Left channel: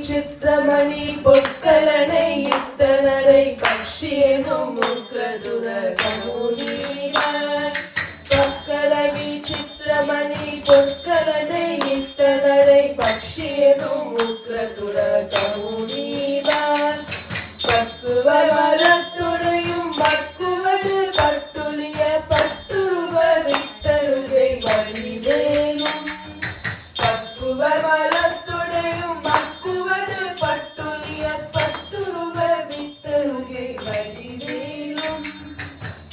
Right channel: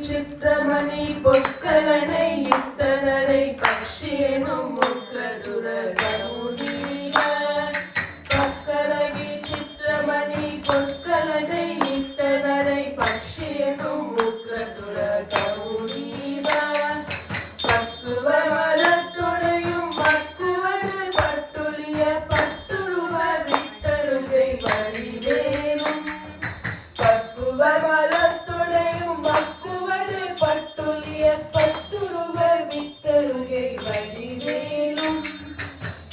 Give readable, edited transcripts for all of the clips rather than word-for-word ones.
சித்திரமணி பொற்கலனை இத்தனரை பக்ஷியனும் முற்றதுரகமுனீர பொற்கரவி சித்திரமணி பொற்கலனை இத்தனரை பக்ஷியனும் முற்றதுரகமுனீர பக்குவ மலத்துடையும் பக்குவது பட்டுளிய பட்டுருவ விட்டருகை வரிவேலும் பக்குவ மலத்துடையும் பக்குவது பட்டுளிய பட்டுருவ விட்டருகை வரிவேலும்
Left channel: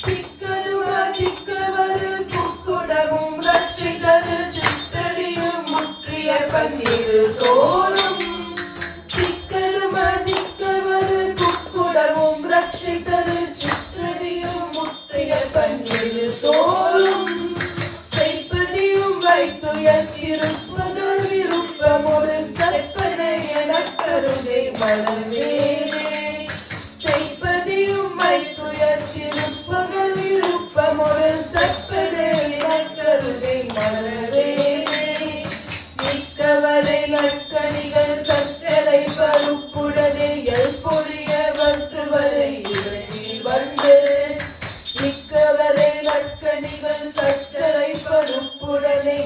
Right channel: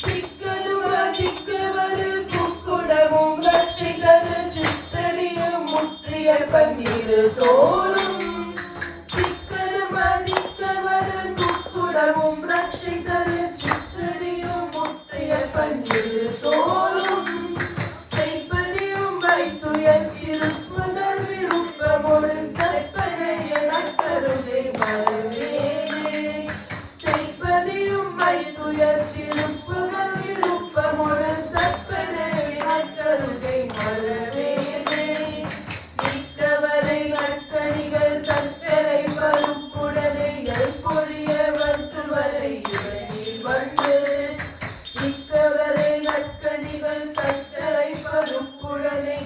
திக்கருவ திக்கவரு குக்குடமும் ரட்சிகரு சித்தடியும் முற்றிய பங்கிரு தோறும் தோறும் செய்ப்பதியும் வைத்துயர் திருப்புதல் விருப்பமோடு சற்பனை எனக்கருகை வரவேனே செய்ப்பதியும் வைத்துயர் திருப்புதல் விருப்பமோடு சற்பனை எனக்கருகை வரவேனே மிக்கவரை நற்கணிகள் சத்தரை பருப்புடனே எல்பொழிய வற்றுவரை இடையில் வந்து மிக்கவரை நற்கணிகள் சர்க்கரை பருப்புடனே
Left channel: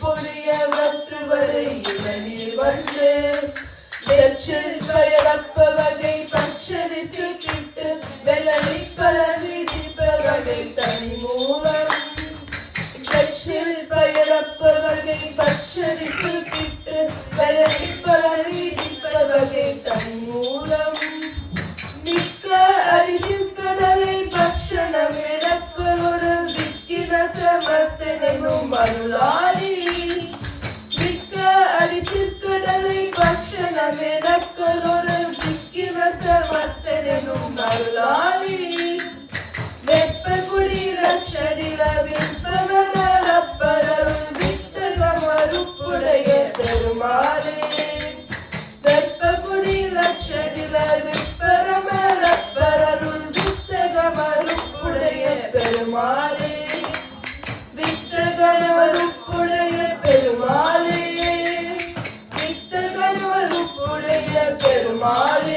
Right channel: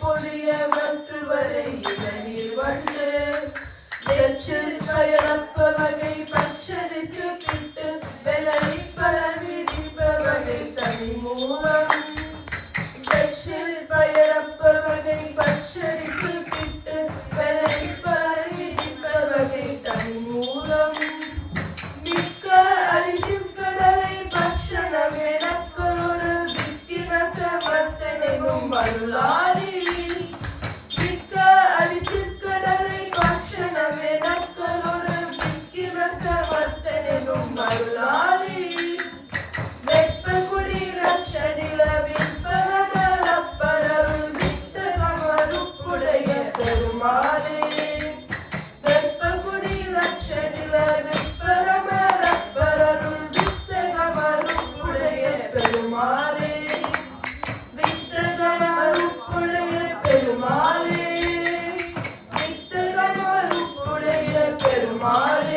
பொழிய வற்றுவரை இளநீர் வந்து எச்சில் பயரப்ப வகை பச்சரிசு கிட்டு வெள்ளை பலவிடிப்ப வகை தனி மூலம் எச்சில் பயரப்ப வகை பச்சரிசு கிட்டு வெள்ளை பலவிடிப்ப வகை தனி மூலம் மிக்க அரிசின் கடலை பக்ஷணம் எனக்கொரு விக்கிரசவர்த்தனும் அருளாரி மிக்க அரிசின் கடலை பக்ஷணம் எனக்கொரு விக்கிரசவர்த்தனும் அருளாரி வெப்பகுடி ரட்சடில விற்பவனப்பரவு வித்தக மறுப்புடைய பெருமாளே வெப்பகுடி ரட்சடில பெருமாளே வித்தகவருப்புடைய பெருமாளே வித்தகவருப்புடைய பெருமாளே